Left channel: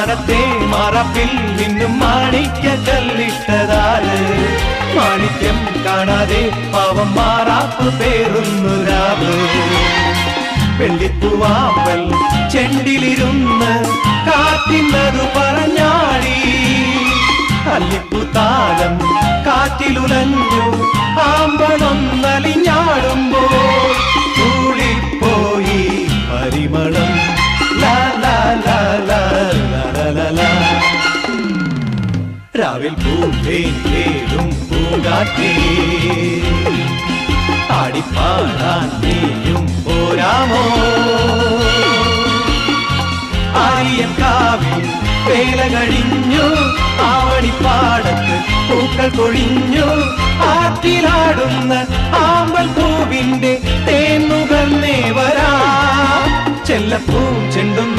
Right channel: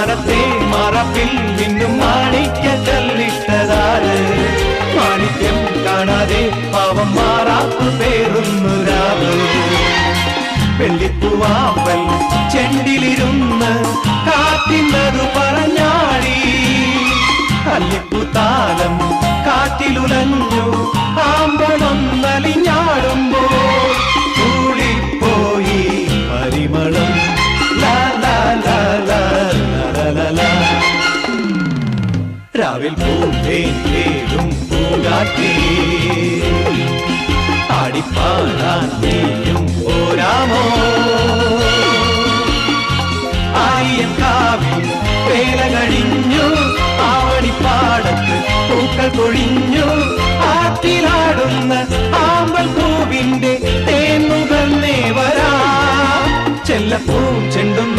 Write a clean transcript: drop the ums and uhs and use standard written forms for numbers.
മാനത്തെ മറപ്പിൽ നിന്നും മാണിക്ക കല്ലിട്ടതാല് മാണിക്യം കാണാതെ പാവം മാറാപ്പു പേറുന്നൊരാള് വെള്ളിപ്പൂവാമ്പൽ ചെണ്ടിലിരുന്ന് കാത്തിന്നത് പറഞ്ഞാടി കല്ലിപ്പുത്താലം കാറ്റിലുലഞ്ഞു ആമ്പലൊന്നലിഞ്ഞാടുമ്പോൾ കൂടിപ്പോയി പരിമളം ലാ ലാ ലാ ലാ ലാ ലാ ലാ. രാവിൽ പൂവേലും പൂങ്കാറ്റി ആടിപ്പാടാൻ നീയും പോരാമോ ആര്യക്കാവിൽ പേര കഴിഞ്ഞു ആവണിപ്പാടത്ത് പൂക്കൾ പൊഴിഞ്ഞു ആറ്റിലാടുന്ന ആമ്പൽ പൂവിന്റെ തേന്നുകൾ നേവരാ ചെല്ലപ്പൂ ചെണ്ടും